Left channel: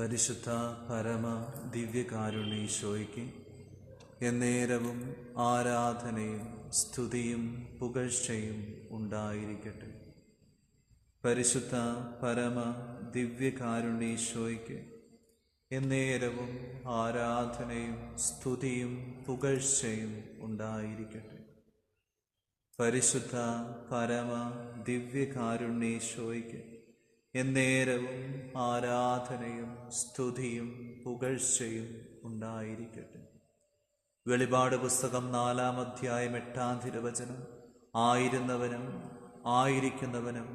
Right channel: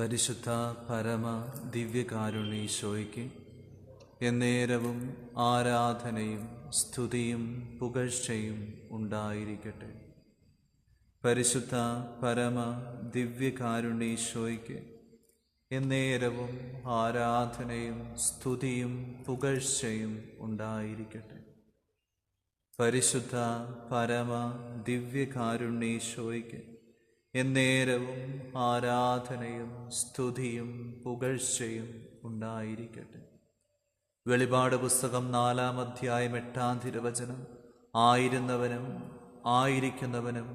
പരിശുദ്ധ പരമ ദിവ്യകാരുണ്യീശോയ്ക്ക് എന്നേരവും ആരാധനയും സ്തുതിയും പുകഴ്ചയും ഉണ്ടായിരിക്കട്ടെ. പരിശുദ്ധ പരമ ദിവ്യകാരുണ്യീശോയ്ക്ക് എന്നേരവും ആരാധനയും സ്തുതിയും പുകഴ്ചയും ഉണ്ടായിരിക്കട്ടെ. പരിശുദ്ധ പരമ ദിവ്യകാരുണ്യീശോയ്ക്ക് എന്നേരവും ആരാധനയും സ്തുതിയും പുകഴ്ചയും ഉണ്ടായിരിക്കട്ടെ. വെളിപാട് പുസ്തകം 4-ാം അധ്യായം 8-ാം തിരുവചനം. ആയിരുന്നവനും ആയിരിക്കുന്നവനും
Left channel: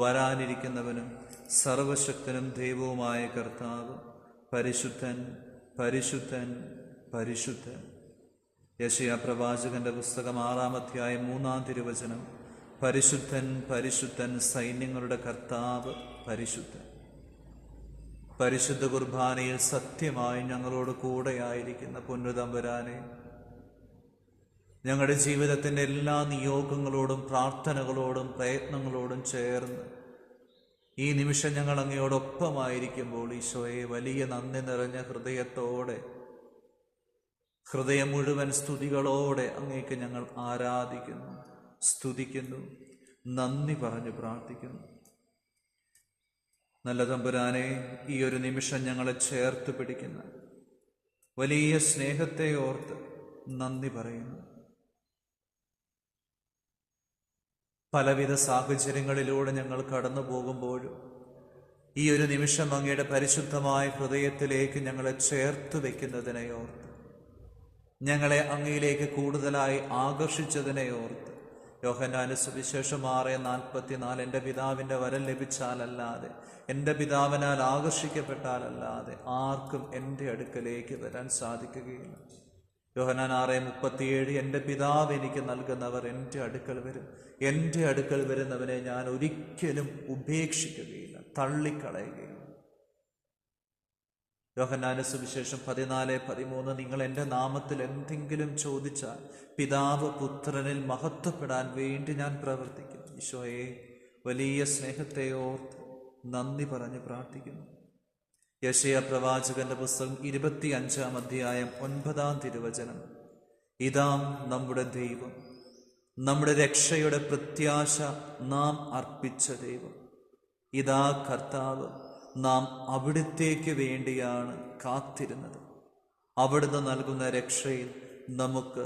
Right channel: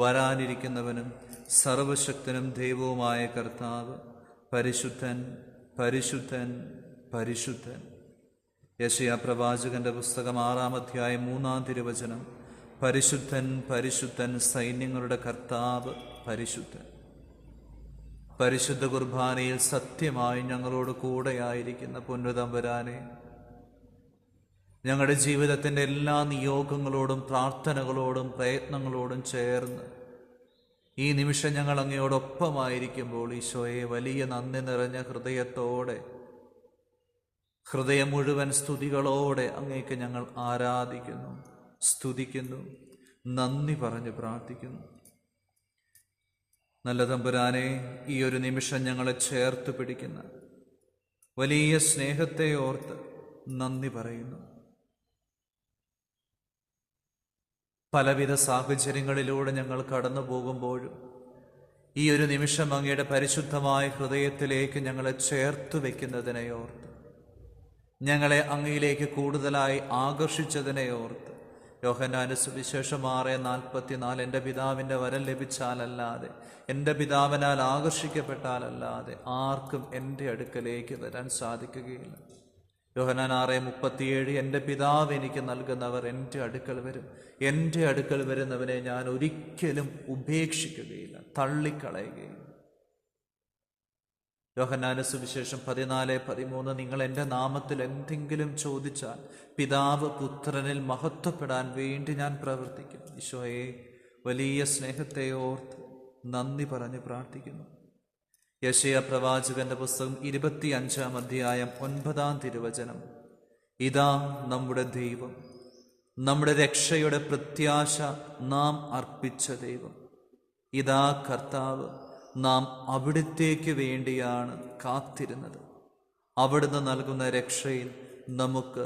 വരാനിരിക്കുന്നവനും സർവശക്തനും ദൈവവുമായ കർത്താവ് പരിശുദ്ധൻ, പരിശുദ്ധൻ, പരിശുദ്ധൻ. യെശയ്യാ പ്രവാചകന്റെ പുസ്തകം 6-ാം അധ്യായം 3-ാം തിരുവചനം. പരിശുദ്ധൻ, പരിശുദ്ധൻ, സൈന്യങ്ങളുടെ കർത്താവ് പരിശുദ്ധൻ. പരിശുദ്ധ കുർബാനയിൽ സത്യമായി ഞങ്ങളോട് കൂടെയായിരിക്കുന്ന പൊന്നുതമ്പുരാനെ, ഞങ്ങളുടെ ജീവിതത്തിൻ്റെ എല്ലാ നിയോഗങ്ങളോടും പ്രാർത്ഥനകളോടും പ്രയത്നങ്ങളോടും ചേർന്ന് ഈ നിമിഷം ഞങ്ങൾ അങ്ങയോടൊപ്പമായിരിക്കുമ്പോൾ ഈശോയെ വലിയ നന്ദി നിറഞ്ഞ ഹൃദയത്തോടെ, ഹൃദയം മുഴുവൻ സ്തുതികളോടെ അങ്ങേക്ക് ഞങ്ങൾ ആരാധിക്കുന്നു, സ്തുതിക്കുന്നു, നന്ദി പറഞ്ഞ് പ്രാർത്ഥിക്കുന്നു. നല്ല തമ്പുരാനെ, ഈ ഒരു നിമിഷം ഞങ്ങളെ ചേർത്ത് പിടിക്കുന്ന വലിയ സ്നേഹത്തെ ഓർത്ത് നന്ദി പറയുന്നു. പലവിധ സാഹചര്യങ്ങളിലൂടെ ഞങ്ങൾ കടന്നു പോകുമ്പോഴും ഈ ഒരു നിമിഷം അങ്ങയുടെ പരിശുദ്ധമായ ഹൃദയത്തിലേക്ക് ഞങ്ങളെ ചേർത്ത് വയ്ക്കുന്നതിനെ ഓർത്ത്, ഞങ്ങളെ അങ്ങയിലേക്ക് കൂടുതലായി ആകർഷിച്ചതിനെ ഓർത്ത്, യോഹന്നാന്റെ സുവിശേഷം 6:44, എൻ്റെ പിതാവിൻ്റെ വരം ലഭിച്ചാലല്ലാതെ, എൻ്റെ പിതാവിനാൽ ആകർഷിക്കപ്പെട്ടാലല്ലാതെ ആർക്കും എൻ്റെ അടുക്കലേക്ക് വരാൻ സാധിക്കുകയില്ല. യോഹന്നാൻ 6:37, എൻ്റെ പിതാവ് എനിക്ക് നൽകുന്നവർ എൻ്റെ അടുക്കൽ വരും, എൻ്റെ അടുക്കൽ വരുന്നവനെ ഞാൻ ഒരിക്കലും ഉപേക്ഷിക്കുകയില്ല, തള്ളിക്കളയുകയില്ല. യോഹന്നാന്റെ സുവിശേഷം 14:13, നിങ്ങൾ എൻ്റെ നാമത്തിൽ എന്തെങ്കിലും ചോദിച്ചാൽ പിതാവ് പുത്രനിൽ മഹത്വപ്പെടാൻ വേണ്ടി ഞാൻ പ്രവർത്തിക്കും. ഈശോയെ, വലിയ സ്നേഹത്തെ ഓർത്ത് നന്ദി പറഞ്ഞ് പ്രാർത്ഥിക്കുന്നു. യെശയ്യാ പ്രവാചകന്റെ പുസ്തകം 25-ാം അധ്യായം 9-ാം തിരുവചനം. ഇതാ നമ്മുടെ ദൈവം, നമ്മുടെ രക്ഷയുടെ പ്രത്യാശ നാം അർപ്പിച്ച ദൈവം. ഇതാ കർത്താവ്, നാം അവിടുത്തേക്ക് വേണ്ടിയാണ് കാത്തിരുന്നത്. അവിടുന്ന് നൽകുന്ന രക്ഷയിൽ നമുക്ക്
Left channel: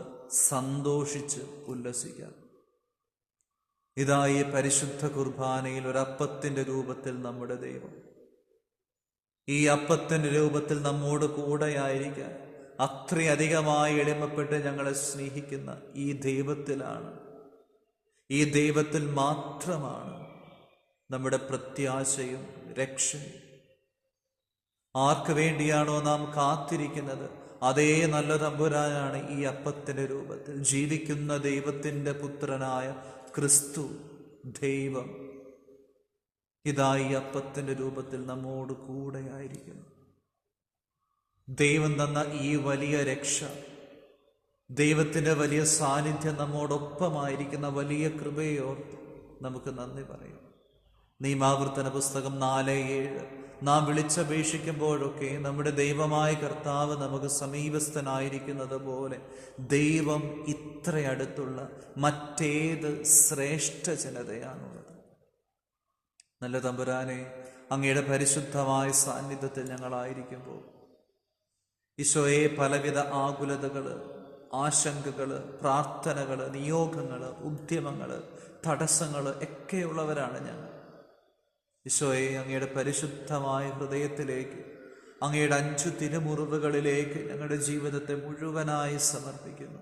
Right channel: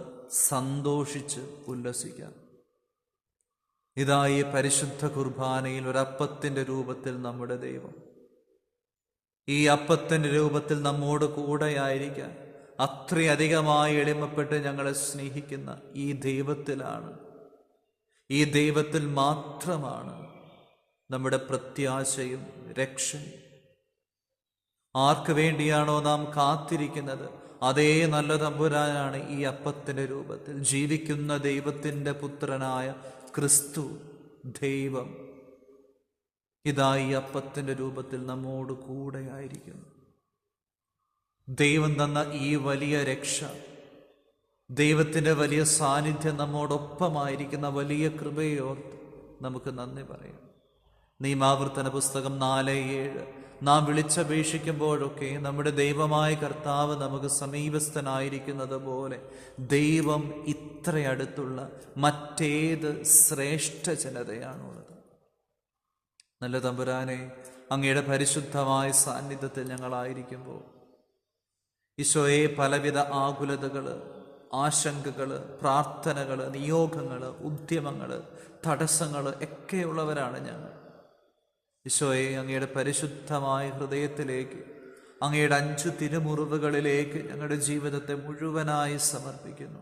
സന്തോഷിച്ച് ഉല്ലസിക്കാം. ഇതാ ഈ പരിശുദ്ധ കുർബാനയിൽ ഒരപ്പത്തിൻ്റെ രൂപത്തിൽ നമ്മുടെ ദൈവം, ഈ അപ്പത്തിൻ്റെ രൂപത്തിൽ നമ്മോട് കൂടെയായിരിക്കാൻ അത്രയധികമായി എളിമപ്പെട്ട് ഞങ്ങളെ സ്നേഹിക്കുന്ന ഈ ദൈവത്തിലാണ്, ഈ ദൈവത്തിൽ മാത്രമാണ് നമ്മുടെ പ്രത്യാശയും രക്ഷയും. ആർക്ക് വേണ്ടിയാണോ നാം കാത്തിരിക്കുന്നത്, അതേ നല്ല തമ്പുരാനാണ് ഈ അപ്പത്തിൻ്റെ രൂപത്തിൽ ജീവിക്കുന്ന ദൈവത്തിൻ്റെ പുത്രനായ ക്രിസ്തു ദൈവം. ഇതാ ഈ അപ്പത്തിൻ്റെ രൂപത്തിൽ നമ്മോട് കൂടെയായിരിക്കുന്നു. ദൈവം തന്ന ഈ വലിയ രക്ഷ, ദൈവത്തിൻ്റെ വലിയ സാന്നിധ്യം, നമ്മോടൊപ്പമായിരിക്കുന്ന വലിയ കൃപയോർത്ത് നമുക്ക് നന്ദി പറയാം. നിയമാവർത്തന പുസ്തകം 4:7, നാം വിളിച്ചപേക്ഷിക്കുമ്പോഴൊക്കെ നമ്മുടെ ദൈവമായ കർത്താവ് നമുക്ക് സമീപസ്ഥനായിരിക്കുന്നത് പോലെ ദൈവം ഇത്ര അടുത്തുള്ള മറ്റേത് ശ്രേഷ്ഠ ജനതയാണുള്ളത്. നല്ല തമ്പുരാനെ, അങ്ങയുടെ പരിശുദ്ധമായ സാന്നിധ്യത്തിൽ ഞങ്ങളായിരിക്കുമ്പോൾ ഈശോയെ, പലവിധ ആകുലതകൾ, ആശങ്കകൾ, പ്രാർത്ഥനകൾ, നിയോഗങ്ങൾ, ഉദ്യമങ്ങൾ, തടസ്സങ്ങൾ ഒക്കെയുള്ളവരാണ് ഞങ്ങൾ. ഈശോയെ, അങ്ങയുടെ പരിശുദ്ധമായ ഹൃദയത്തിലേക്ക്, അങ്ങയുടെ 5 തിരുമുറിവുകളിലേക്ക് ഞങ്ങളുടെ ജീവിതത്തെ മുഴുവനായി സമർപ്പിക്കുന്നു.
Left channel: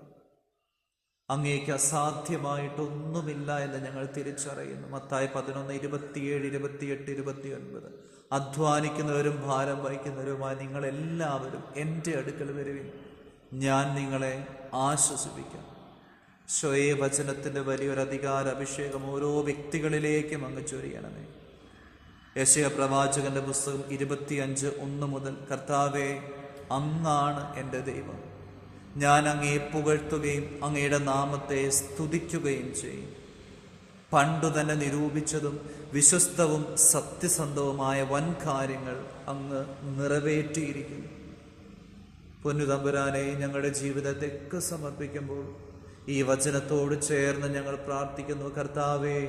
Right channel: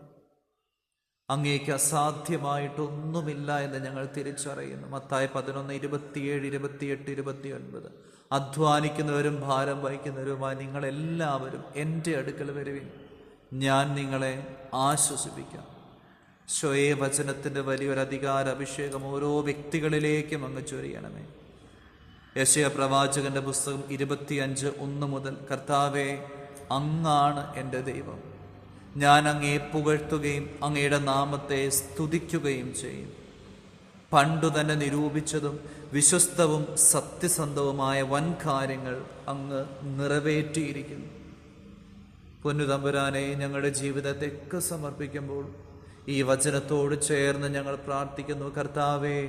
അങ്ങേക്ക് അസാധ്യമായിട്ടൊന്നുമില്ല എന്ന് ഞങ്ങൾ തിരിച്ചറിയുന്നു. മത്തായി 11:27, 28, 29, അധ്വാനിക്കുന്നവരും ഭാരം വഹിക്കുന്നവരുമായി നിങ്ങളെല്ലാവരും എൻ്റെ അടുക്കൽ വരുവിൻ, ഞാൻ നിങ്ങളെ ആശ്വസിപ്പിക്കാം. ഈശോയെ, വചനത്തിൻ്റെ വലിയൊരു അധികാര അഭിഷേകം ഓരോ വ്യക്തികളിലേക്കും അങ്ങ് ചൊരിയണമേ. യെശയ്യാ പ്രവാചകന്റെ പുസ്തകം 25:1 മുതൽ, കർത്താവേ, അങ്ങാണ് എൻ്റെ ദൈവം, ഞാൻ അങ്ങയെ പുകഴ്ത്തുകയും അങ്ങയുടെ നാമത്തെ സ്തുതിക്കുകയും ചെയ്യും. പണ്ടു തന്നെ നിരൂപിച്ചതും വിശ്വസ്തവും സത്യസന്ധവുമായ വൻ കാര്യങ്ങൾ അങ്ങ് നിറവേറ്റിയിരിക്കുന്നു. പൊന്നുതമ്പുരാനെ, ഞങ്ങളുടെ ജീവിതത്തെയൊക്കെ സമർപ്പിക്കുമ്പോൾ ഈ വചനത്തോട് ചേർന്ന് ഞങ്ങൾ പ്രാർത്ഥിക്കുന്നു. കർത്താവേ,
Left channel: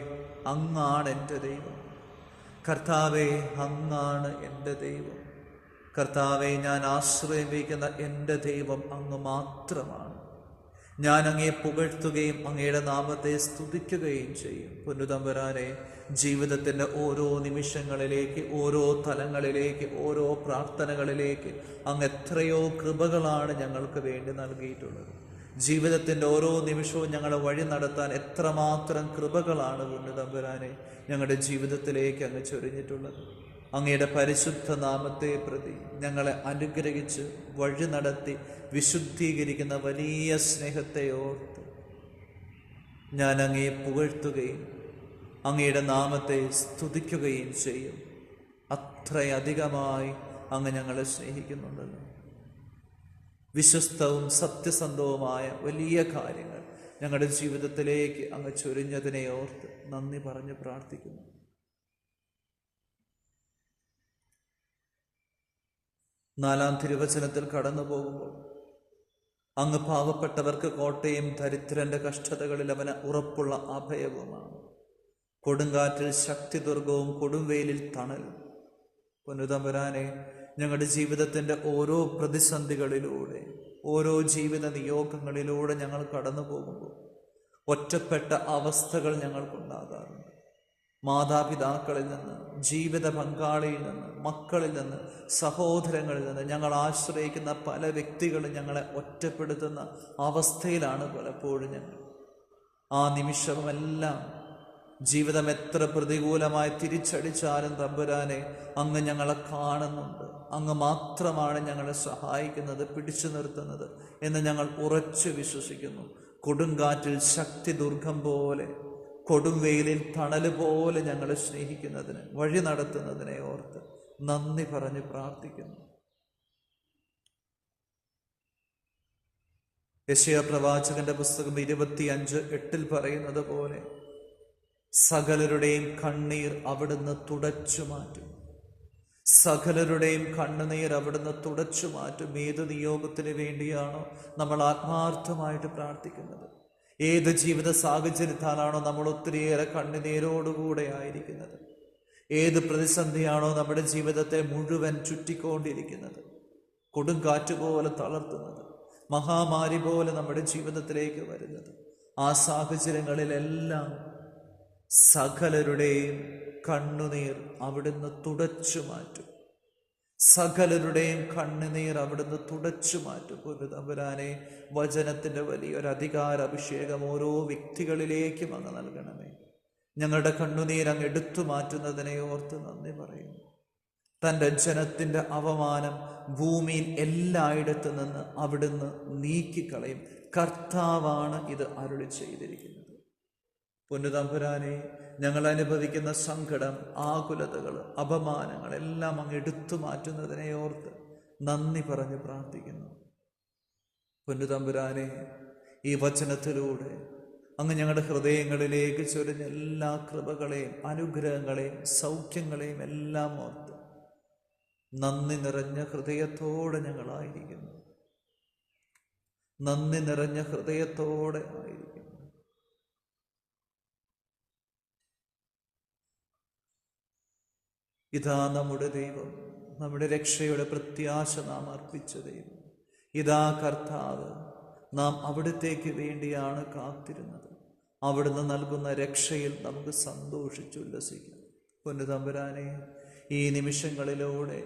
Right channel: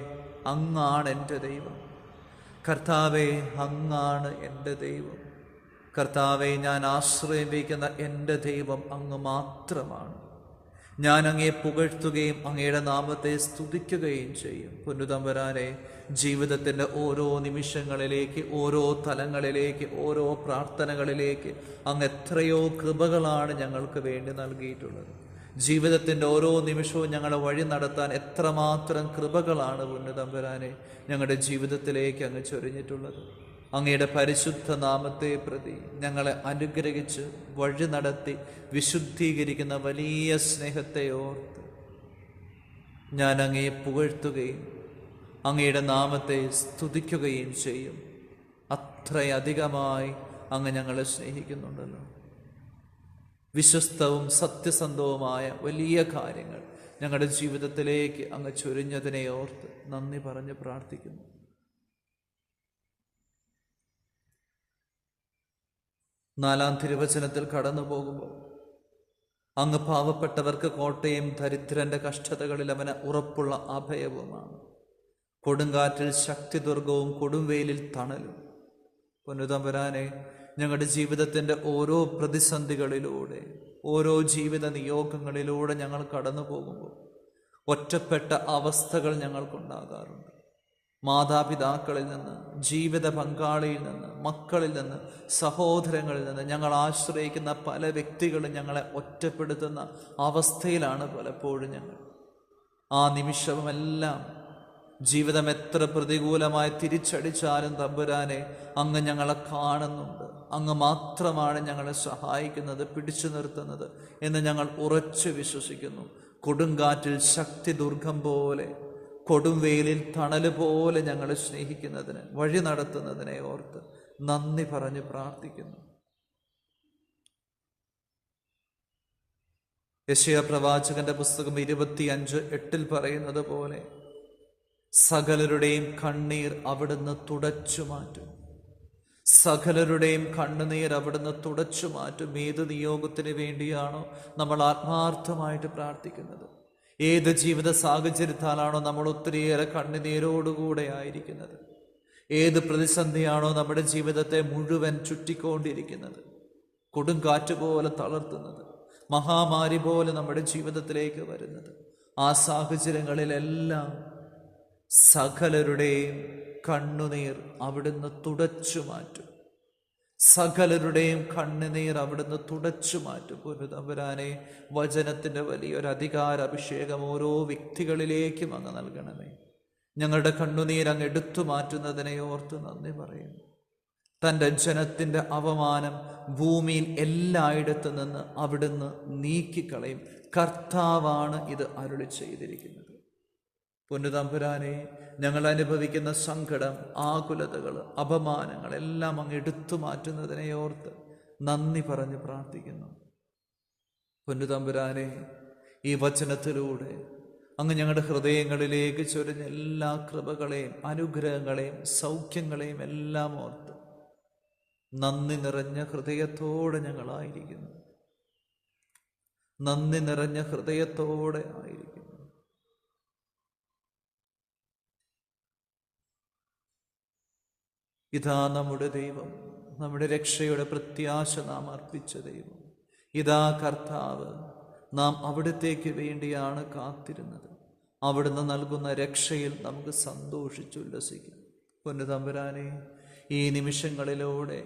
അങ്ങാണ് എൻ്റെ ദൈവം. കർത്താവേ, അങ്ങാണ് എൻ്റെ ദൈവം. കർത്താവെ, ഞാൻ ആശ്രയം വയ്ക്കുന്ന എൻ്റെ ദൈവം അങ്ങ് മാത്രമാണ്. ഞാൻ അങ്ങയെ പുകഴ്ത്തുകയും അങ്ങയുടെ നാമത്തെ സ്തുതിക്കുകയും ചെയ്യും. പൊന്നുതമ്പുരാനെ, ജീവിതത്തിൻ്റെ ഓരോ നിമിഷങ്ങളിലേക്ക്, ഓരോ തലങ്ങളിലേക്ക്, ഓരോ പ്രാർത്ഥനകളിലേക്ക് അങ്ങ് എത്രയോ കൃപകളാണ് ഞങ്ങൾക്ക് വേണ്ടി നൽകിയിട്ടുള്ളത്. ജീവിതത്തിൻ്റെ ഓരോ നിമിഷവും ഞങ്ങളെ വഴി നടത്താൻ എത്രമാത്രം കൃപകളാണ് പൊന്നുതമ്പുരാനെ ഞങ്ങളുടെ ജീവിതത്തിലേക്ക് അങ്ങ് ചൊരിഞ്ഞിട്ടുള്ളത്. അങ്ങയുടെ പരിശുദ്ധ നാമത്തെ പ്രതി ഞങ്ങളെ അനുഗ്രഹിച്ച് വഴി നടത്തി വിശുദ്ധീകരിക്കുന്ന വലിയ സ്നേഹത്തെ ഓർത്ത് ഞാൻ അങ്ങയെ പുകഴ്ത്തുകയും അങ്ങയുടെ നാമത്തെ സ്തുതിക്കുകയും ചെയ്യും. അത്രയധികമായി അങ്ങ് ഞങ്ങളെ സ്നേഹിക്കുന്നുണ്ടല്ലോ. വിശ്വസ്തവും സത്യസന്ധവുമായ വലിയ കാര്യങ്ങൾ ഞങ്ങളുടെ ജീവിതത്തിലേക്ക് അങ്ങ് ചൊരിഞ്ഞതിനെ ഓർത്ത് നന്ദി പറഞ്ഞ് പ്രാർത്ഥിക്കുന്നു. നാലാം തിരുവചനത്തിൽ കടന്നു പോകുമ്പോൾ അങ്ങ് പാവപ്പെട്ടവർക്ക് കോട്ടയും ദരിദ്രന്റെ കഷ്ടതകളിൽ അവന് ഉറപ്പുള്ള അഭയവുമാണ്. കൊടുങ്കാറ്റിൽ ശക്തിദുർഗവും കൊടുംവെയിലിൽ തണലും. പൊന്നുതമ്പുരാനെ, ഞങ്ങളുടെ ജീവിതത്തിൻ്റെ ഓരോ പ്രതിസന്ധികളിലൂടെ, ഓരോ ജീവിത നിയോഗങ്ങളിലൂടെ ഞങ്ങൾ കടന്നു പോകുമ്പോൾ ഒറ്റപ്പെട്ട അവസ്ഥകൾ ഞങ്ങൾക്കുണ്ടാകാറുണ്ട്. മാതാപിതാക്കളിൽ നിന്ന്, ജീവിത പങ്കാളിയിൽ നിന്ന്, മക്കളിൽ നിന്ന്, സഹോദരങ്ങളിൽ നിന്ന് ഞങ്ങൾ ആശ്രയിക്കുന്ന പല വ്യക്തികളും ഞങ്ങളെ ഒറ്റപ്പെടുത്തുന്ന അവസ്ഥയിലാണ് പലപ്പോഴും ഞങ്ങൾ. ആ നിമിഷമെല്ലാം ജീവിതം എത്ര പ്രതികൂലമായി തിരിച്ചടിച്ചാലും തമ്പുരാനെ, അങ്ങ് ഞങ്ങളെ കാണുന്നുണ്ട്. അങ്ങ് മാത്രമാണ് ഞങ്ങളെ സഹായിക്കുന്നത്, പിടിച്ചു നിർത്തുന്നത് എന്ന് ഞങ്ങൾ ഉറച്ചു വിശ്വസിക്കുന്നു. കൊടുങ്കാറ്റിൽ ശക്തി ദുർഗം പോലെ, കൊടുംവെയിലിൽ തണല് പോലെ ഞങ്ങളെ സ്നേഹിക്കുന്നതിന്, വഴി നടത്തുന്നതിനെ ഓർത്ത് നന്ദി പറഞ്ഞ് പ്രാർത്ഥിക്കുന്നു. യെശയ്യാ പ്രവാചകന്റെ പുസ്തകം 25:8 പറയുന്നത് പോലെ സകലരുടെയും കണ്ണീർ അവിടുന്ന് തുടച്ചു മാറ്റും. സകലരുടെയും കണ്ണുനീർ അവിടുന്ന് തുടച്ചു മാറ്റും. ഏത് നിയോഗത്തിന് വേണ്ടിയാണോ നമ്മൾ ആത്മാർത്ഥമായിട്ട് പ്രാർത്ഥിക്കുന്നത്, ഏത് ജീവിത സാഹചര്യത്താലാണോ നമ്മൾ ഒത്തിരിയേറെ കണ്ണുനീരോടുകൂടെ ആയിരിക്കുന്നത്, ഏത് പ്രതിസന്ധിയാണോ നമ്മുടെ ജീവിതത്തെ മുഴുവൻ ചുറ്റിക്കൊണ്ടിരിക്കുന്നത്, കൊടുങ്കാറ്റ് പോലെ തളർത്തുന്നത്, മഹാമാരി പോലെ നമ്മുടെ ജീവിതത്തിലേക്ക് വരുന്നത്, ആ സാഹചര്യങ്ങളിലെല്ലാം സകലരുടെയും കണ്ണുനീർ അവിടുന്ന് തുടച്ചു മാറ്റും. സകലരുടെയും കണ്ണുനീർ അവിടുന്ന് തുടച്ചു മാറ്റും. പൊന്നുതമ്പുരാനെ, വചനത്തിൻ്റെ വലിയൊരു അഭിഷേകം ഓരോ വ്യക്തികളിലേക്കും അങ്ങ് നൽകണമേ. ഞങ്ങളുടെ കണ്ണുനീർ അങ്ങ് എടുത്തു മാറ്റുന്നതിനെ ഓർത്ത് നന്ദി പറയുന്നു. തൻ്റെ ജനത്തിൻ്റെ അപമാനം ഭൂമിയിൽ എല്ലായിടത്തു നിന്ന് അവിടുന്ന് നീക്കിക്കളയും. കർത്താവാണ് ഇത് അരുളി ചെയ്തിരിക്കുന്നത്. പൊന്നുതമ്പുരാനെ, ഞങ്ങൾ അനുഭവിക്കുന്ന സങ്കടം, ആകുലതകൾ, അപമാനങ്ങൾ എല്ലാം അങ്ങ് എടുത്തു മാറ്റുന്നതിനെ ഓർത്ത് നന്ദി പറഞ്ഞ് പ്രാർത്ഥിക്കുന്നു. പൊന്നുതമ്പുരാനെ, ഈ വചനത്തിലൂടെ അങ്ങ് ഞങ്ങളുടെ ഹൃദയങ്ങളിലേക്ക് ചൊരിഞ്ഞ എല്ലാ കൃപകളെയും അനുഗ്രഹങ്ങളെയും സൗഖ്യങ്ങളെയും എല്ലാം ഓർത്ത് നന്ദി നിറഞ്ഞ ഹൃദയത്തോടെ ഞങ്ങളായിരിക്കുന്നു. നന്ദി നിറഞ്ഞ ഹൃദയത്തോടെ ആയിരിക്കുന്നു. ഇതാ നമ്മുടെ ദൈവം, നമ്മുടെ രക്ഷയുടെ പ്രത്യാശ നാം അർപ്പിച്ച ദൈവം. ഇതാ കർത്താവ്, നാം അവിടത്തേക്ക് വേണ്ടിയാണ് കാത്തിരുന്നത്. അവിടുന്ന് നൽകുന്ന രക്ഷയിൽ നമുക്ക് സന്തോഷിച്ചുല്ലസിക്കും. പൊന്നുതമ്പുരാനെ, ഈ നിമിഷങ്ങളിലൂടെ,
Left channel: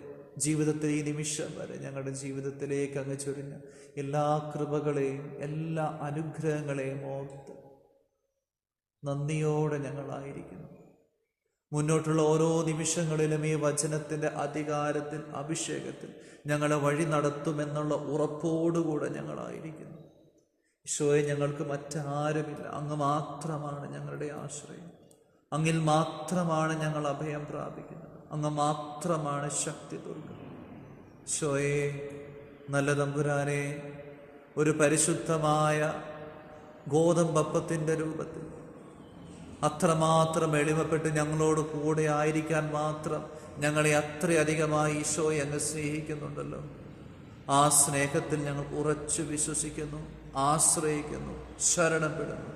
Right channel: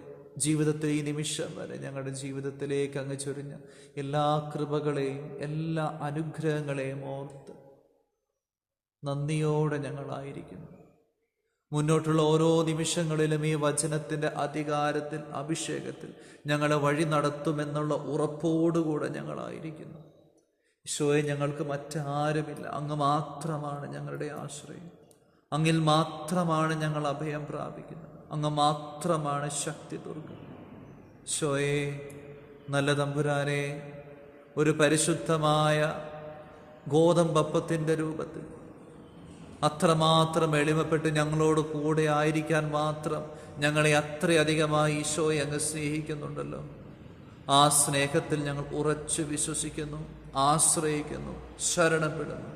ജീവിതത്തെ ഈ നിമിഷം വരെ ഞങ്ങളുടെ ജീവിതത്തിലേക്ക് അങ്ങ് ചൊരിഞ്ഞ എല്ലാ കൃപകളെയും എല്ലാ അനുഗ്രഹങ്ങളെയും ഓർത്ത് നന്ദിയോടെ ഞങ്ങളായിരിക്കുന്നു. മുന്നോട്ടുള്ള ഓരോ നിമിഷങ്ങളിലും ഈ വചനത്തിൻ്റെ അധികാരത്തിൽ, അഭിഷേകത്തിൽ ഞങ്ങളെ വഴി നടത്തുമെന്നുള്ള ഉറപ്പോടുകൂടെ ഞങ്ങളായിരിക്കുന്നു. ഈശോയെ, ഞങ്ങൾക്ക് മറ്റാരുമില്ല. അങ്ങ് മാത്രമാണ് ഞങ്ങളുടെ ആശ്രയം. അങ്ങിൽ മാത്രമാണ് ഞങ്ങൾ അഭയം പ്രാപിക്കുന്നത്. അങ്ങ് മാത്രമാണ് ശക്തി ദുർഗം. ഈശോയെ, നല്ല തമ്പുരാനെ, ഒരു പരിശുദ്ധമായ ഗോതമ്പപ്പത്തിൻ്റെ രൂപത്തിൽ അത്രമാത്രം എളിമപ്പെട്ട് ഞങ്ങളോട് കൂടെ ആയിരിക്കാൻ മാത്രം ഞങ്ങളെ അത്രയധികമായി ഈശോയെ അങ്ങ് സ്നേഹിക്കുന്നുണ്ടല്ലോ. ആ സ്നേഹത്തിൽ ഞങ്ങൾ ഉറച്ചു വിശ്വസിക്കുന്നു, ആശ്രയിക്കുന്നു, ശരണപ്പെടുന്നു.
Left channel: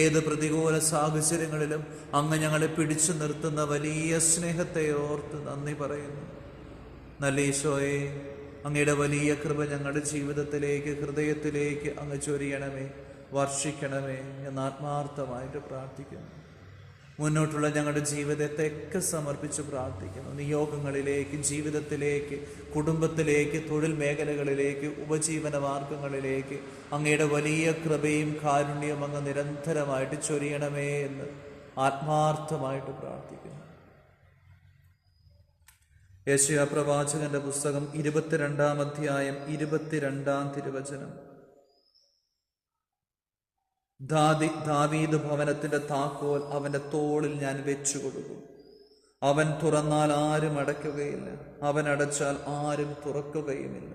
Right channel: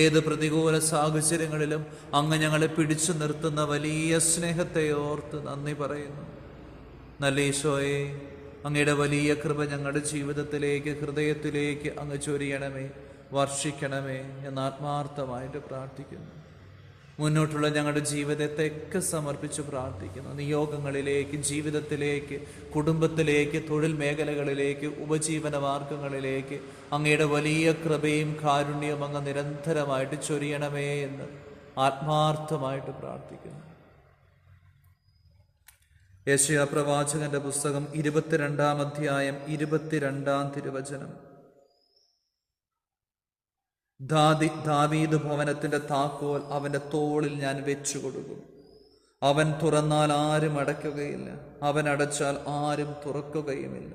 ഏത് പ്രതികൂല സാഹചര്യങ്ങളിലും അങ്ങ് ഞങ്ങളെ പിടിച്ചു നിർത്തുന്ന വലിയ സ്നേഹത്തെ ഓർത്ത് നന്ദി പറയുന്നു. നല്ല ഈശോയെ, അങ്ങയുടെ വലിയ കൃപ ഞങ്ങളുടെ ജീവിതത്തിലേക്ക്, ഹൃദയത്തിലേക്ക് അങ്ങ് ചൊരിയണമേ, വർഷിക്കണമേ എന്ന് ആത്മാർത്ഥമായിട്ട് പ്രാർത്ഥിക്കുന്നു. മുന്നോട്ടുള്ള ഞങ്ങളുടെ ജീവിതത്തെയൊക്കെ സമർപ്പിച്ച് പ്രാർത്ഥിക്കുന്നു. നിയോഗങ്ങളിലേക്ക്, ജീവിതത്തിലേക്ക്, കുടുംബത്തിലേക്ക്, തൊഴിൽ മേഖലകളിലേക്ക്, ഉപജീവന മാർഗങ്ങളിലേക്ക് അങ്ങയുടെ വലിയ കൃപയും കാരുണ്യവും അങ്ങ് നിരന്തരമായിട്ട് ചൊരിയണമേ എന്ന് ആത്മാർത്ഥമായിട്ട് പ്രാർത്ഥിക്കുന്നു. യെശയ്യാ പ്രവാചകന്റെ പുസ്തകം 22-ാം അധ്യായം 22-ാം തിരുവചനം. ദാവീദ് ഭവനത്തിന്റെ താക്കോൽ അവന്റെ തോളിൽ ഞാൻ വെച്ചു കൊടുക്കും. അവൻ തുറന്നാൽ ആരും അടയ്ക്കുകയില്ല, അവൻ അടച്ചാൽ ആരും തുറക്കുകയുമില്ല.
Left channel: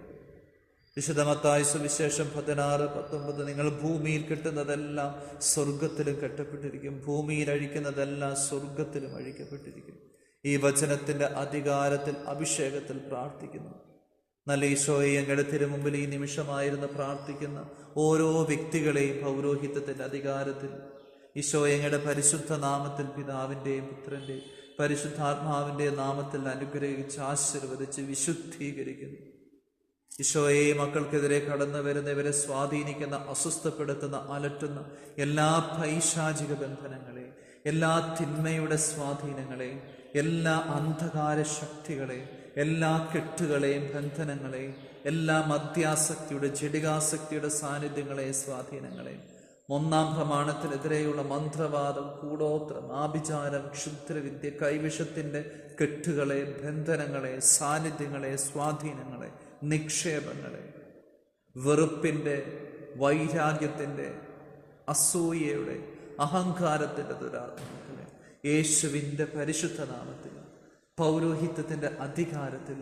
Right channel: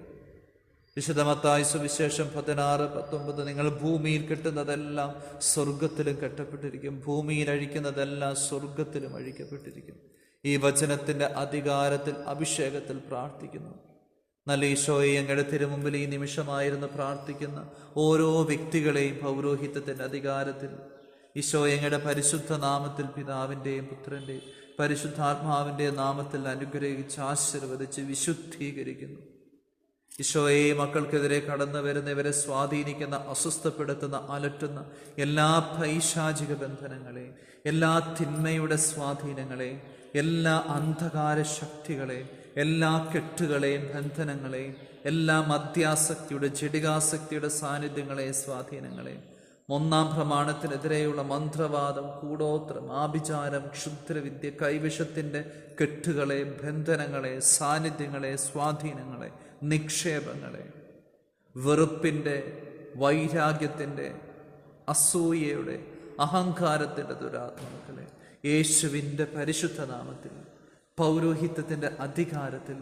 വിശുദ്ധ മത്തായി സുവിശേഷം 16:19. നിങ്ങൾ ഭൂമിയിൽ കെട്ടുന്നതെല്ലാം സ്വർഗത്തിലും കെട്ടപ്പെട്ടിരിക്കും, ഭൂമിയിൽ അഴിക്കുന്നതെല്ലാം സ്വർഗത്തിലും അഴിക്കപ്പെട്ടിരിക്കും. ഈ വചനത്തിന്റെ അധികാരത്തിൽ, അഭിഷേകത്തിൽ പ്രാർത്ഥിക്കുന്നു. നല്ല ഈശോയെ, അങ്ങയുടെ തിരുമുമ്പിൽ ഈ നിമിഷമായിരുന്നു പ്രാർത്ഥിക്കുന്ന ഓരോ വ്യക്തികളെയും പൗരോഹിത്യത്തിൻ്റെ അധികാരത്തിൽ ഈശോയെ അങ്ങയുടെ പരിശുദ്ധ നാമത്തിൽ, പിതാവിൻ്റെയും പുത്രൻ്റെയും പരിശുദ്ധാത്മാവിൻ്റെ നാമത്തിൽ അനുഗ്രഹിച്ച് ആശീർവദിച്ച് വിശുദ്ധീകരിക്കുന്നു. ഈശോയെ, മക്കൾക്കെതിരെ കടന്നു വരുന്നവരെ സ്വാധീനിക്കുന്ന, അസ്വസ്ഥപ്പെടുത്തുന്ന, അലട്ടുന്ന എല്ലാ പൈശാചിക ബന്ധനങ്ങളെ, എല്ലാ തിന്മയുടെ സ്വാധീനങ്ങളെ, എല്ലാ അന്ധകാര ശക്തികളെ, എല്ലാ കെട്ടുകളെയും ബന്ധനങ്ങളെയും, എല്ലാ മദ്യാസക്തിയുടെ, ജഡികാസക്തിയുടെ സാന്നിധ്യങ്ങളെ, സ്വാധീനങ്ങളെ, 1-ാം പ്രമാണത്തിനെതിരെയുള്ള മന്ത്രവാദം, കൂടോത്രം, ആഭിചാരം, ക്ഷുദ്രവിദ്യ, കൈവിഷത്തിൻ്റെ കെട്ടുകളെ, ബന്ധനങ്ങളെ, സാന്നിധ്യങ്ങളെ, സ്വാധീനങ്ങളെ, നിക്ഷേപങ്ങളെ, വെറുപ്പിൻ്റെ, വൈരാഗ്യത്തിൻ്റെ, അസൂയയുടെ, അഹങ്കാരത്തിൻ്റെ ദുരാത്മാക്കളെ യേശുവിൻ്റെ പരിശുദ്ധ നാമത്തിൽ, പൗരോഹിത്യത്തിൻ്റെ അധികാരത്തിൽ,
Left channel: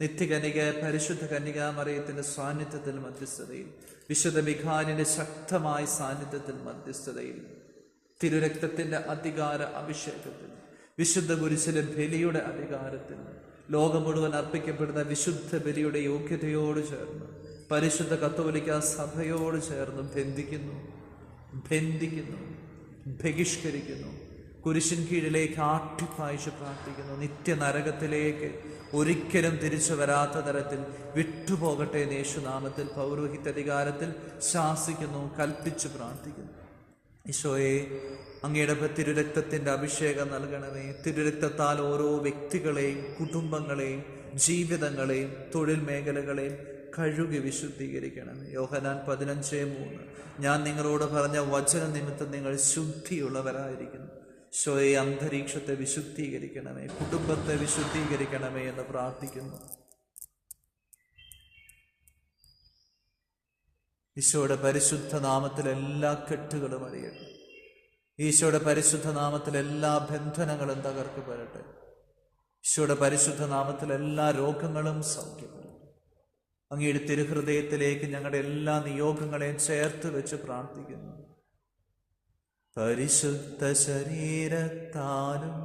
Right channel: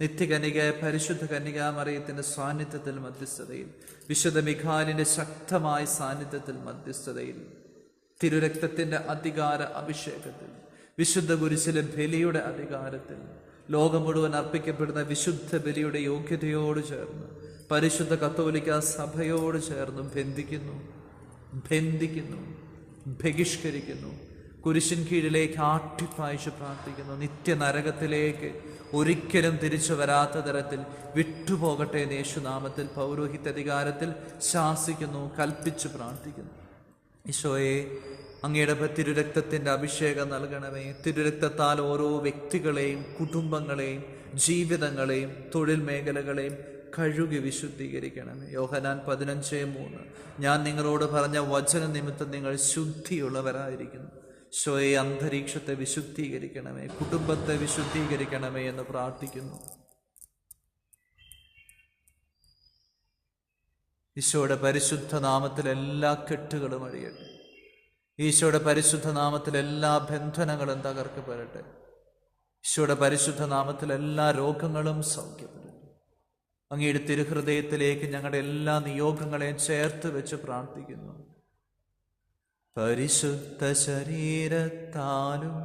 നിത്യകന്യകയായ പരിശുദ്ധ കന്യകാമറിയത്തിൻ്റെ സാന്നിധ്യത്തിൽ, മധ്യസ്ഥതയിൽ, വിശുദ്ധ മിഖായേലിൻ്റെ ശക്തമായ സാന്നിധ്യത്തിൽ, മധ്യസ്ഥതയിൽ, തിരുരക്തത്തിൻ്റെ അധികാര അഭിഷേകത്തിൽ, വിശുദ്ധ കുരിശിലെ ബലിയുടെ അധികാരത്തിൽ, ലോകം മുഴുവൻ അർപ്പിക്കപ്പെടുന്ന വിശുദ്ധ ബലിയുടെ യോഗ്യതയോട് ചേർന്ന് പരിശുദ്ധ കത്തോലിക്ക സഭയോട് ചേർന്ന് ബന്ധിക്കുന്നു, ബഹിഷ്കരിക്കുന്നു, കുരിശിൻ കീഴിലേക്ക് ആട്ടിപ്പായിച്ച് പ്രാർത്ഥിക്കുന്നു. നിത്യനരകത്തിലേക്ക് ഒരിക്കലും തിരിച്ചു വരാത്ത തരത്തിൽ വിട്ടുപോകട്ടെ എന്ന് യേശുനാമത്തിൽ, പൗരോഹിത്യ അധികാരത്തിൽ ശാസിക്കുന്നു, കൽപ്പിച്ചു പ്രാർത്ഥിക്കുന്നു. ഈശോയെ, അങ്ങയുടെ തിരുരക്തത്തിൻ്റെ അഭിഷേകം നൽകണമേ. തിരുരക്തത്താൽ ഓരോ വ്യക്തികളെയും, കുടുംബങ്ങളെയും, ജീവിതങ്ങളെയും, തൊഴിൽ മേഖലകളെയും കഴുകി വിശുദ്ധീകരിക്കണം. യോഹന്നാൻ 15:3. ഞാൻ നിങ്ങളോട് പറഞ്ഞ വചന നിമിത്തം നിങ്ങൾ ശുദ്ധിയുള്ളവരായിരിക്കുന്നു. ഈശോയെ, അന്തരീക്ഷത്തെ വിശുദ്ധീകരിക്കണമേ, കുടുംബത്തെ വിശുദ്ധീകരിക്കണമേ എന്ന് പ്രാർത്ഥിക്കുന്നു. ഈശോയുടെ പരിശുദ്ധ നാമത്തിൽ എല്ലാ കെട്ടുകളും അഴിയട്ടെ. ഈശോയുടെ പരിശുദ്ധ നാമത്തിൽ എല്ലാ ബന്ധനങ്ങളും തകർക്കപ്പെടട്ടെ. ഈശോയുടെ പരിശുദ്ധ നാമത്തിൽ എല്ലാ രോഗങ്ങളും സൗഖ്യപ്പെടട്ടെ. അങ്ങയുടെ തിരുഹൃദയത്തിലേക്ക് ഞങ്ങളുടെ എല്ലാ നിയോഗങ്ങളെയും ചേർത്ത് വെച്ച് പ്രാർത്ഥിക്കുന്നു. പരിശുദ്ധ ശരീരത്താലും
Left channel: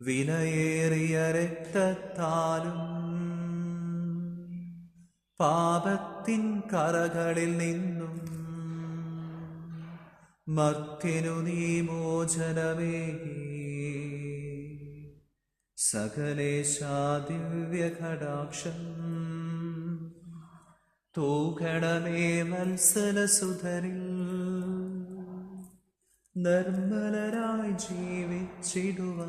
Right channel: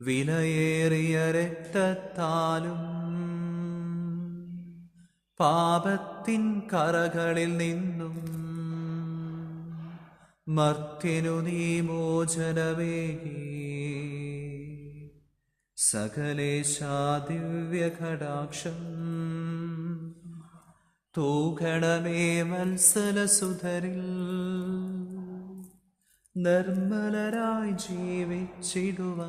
വിലയേറിയ രക്തത്താലും പാപത്തിൻ കറകളിൽ നിന്നും മർത്യനു നീ മോചനമേകി. സകലേശാ ദിവ്യകടാക്ഷം തൂകണമേ വത്സലസുധരിൽ. നിർമ്മലരായി ജീവിച്ചിടുവാൻ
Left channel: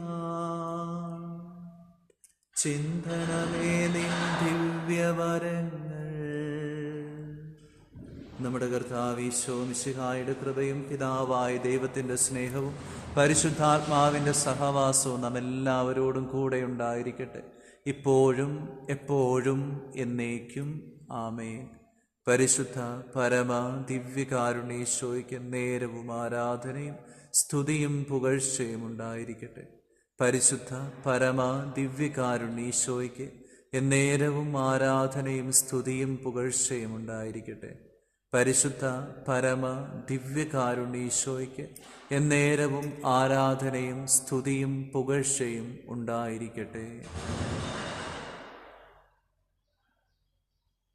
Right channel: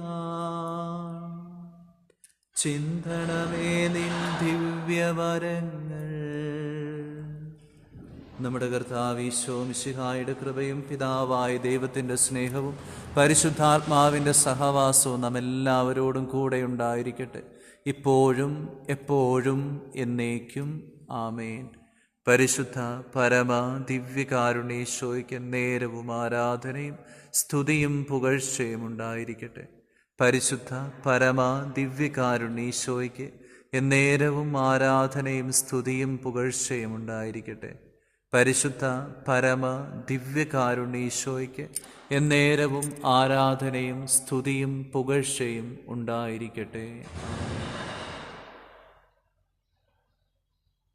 ചിന്തണമേ നിൻ ദിവ്യവരങ്ങൾ. നമ്മുടെ കർത്താവ് ഈശോ മിശിഹായുടെ കൃപയും പിതാവായ ദൈവത്തിൻ്റെ സ്നേഹവും പരിശുദ്ധാത്മാവിൻ്റെ സഹവാസവും നമ്മെല്ലാവരോടും കൂടെ ഉണ്ടായിരിക്കട്ടെ, ഇപ്പോഴും എപ്പോഴും എന്നേക്കും. ആമേൻ. പരിശുദ്ധ പരമ ദിവ്യകാരുണ്യേശോയ്ക്ക് നേരവും ആരാധനയും സ്തുതിയും പുകഴ്ചയും ഉണ്ടായിരിക്കട്ടെ. പരിശുദ്ധ പരമ ദിവ്യകാരുണ്യേശോയ്ക്ക് എന്നേരവും ആരാധനയും സ്തുതിയും പുകഴ്ചയും ഉണ്ടായിരിക്കട്ടെ. പരിശുദ്ധ പരമ ദിവ്യകാരുണ്യ എന്നേരവും ആരാധനയും സ്തുതിയും പുകഴ്ചയും ഉണ്ടായിരിക്കട്ടെ.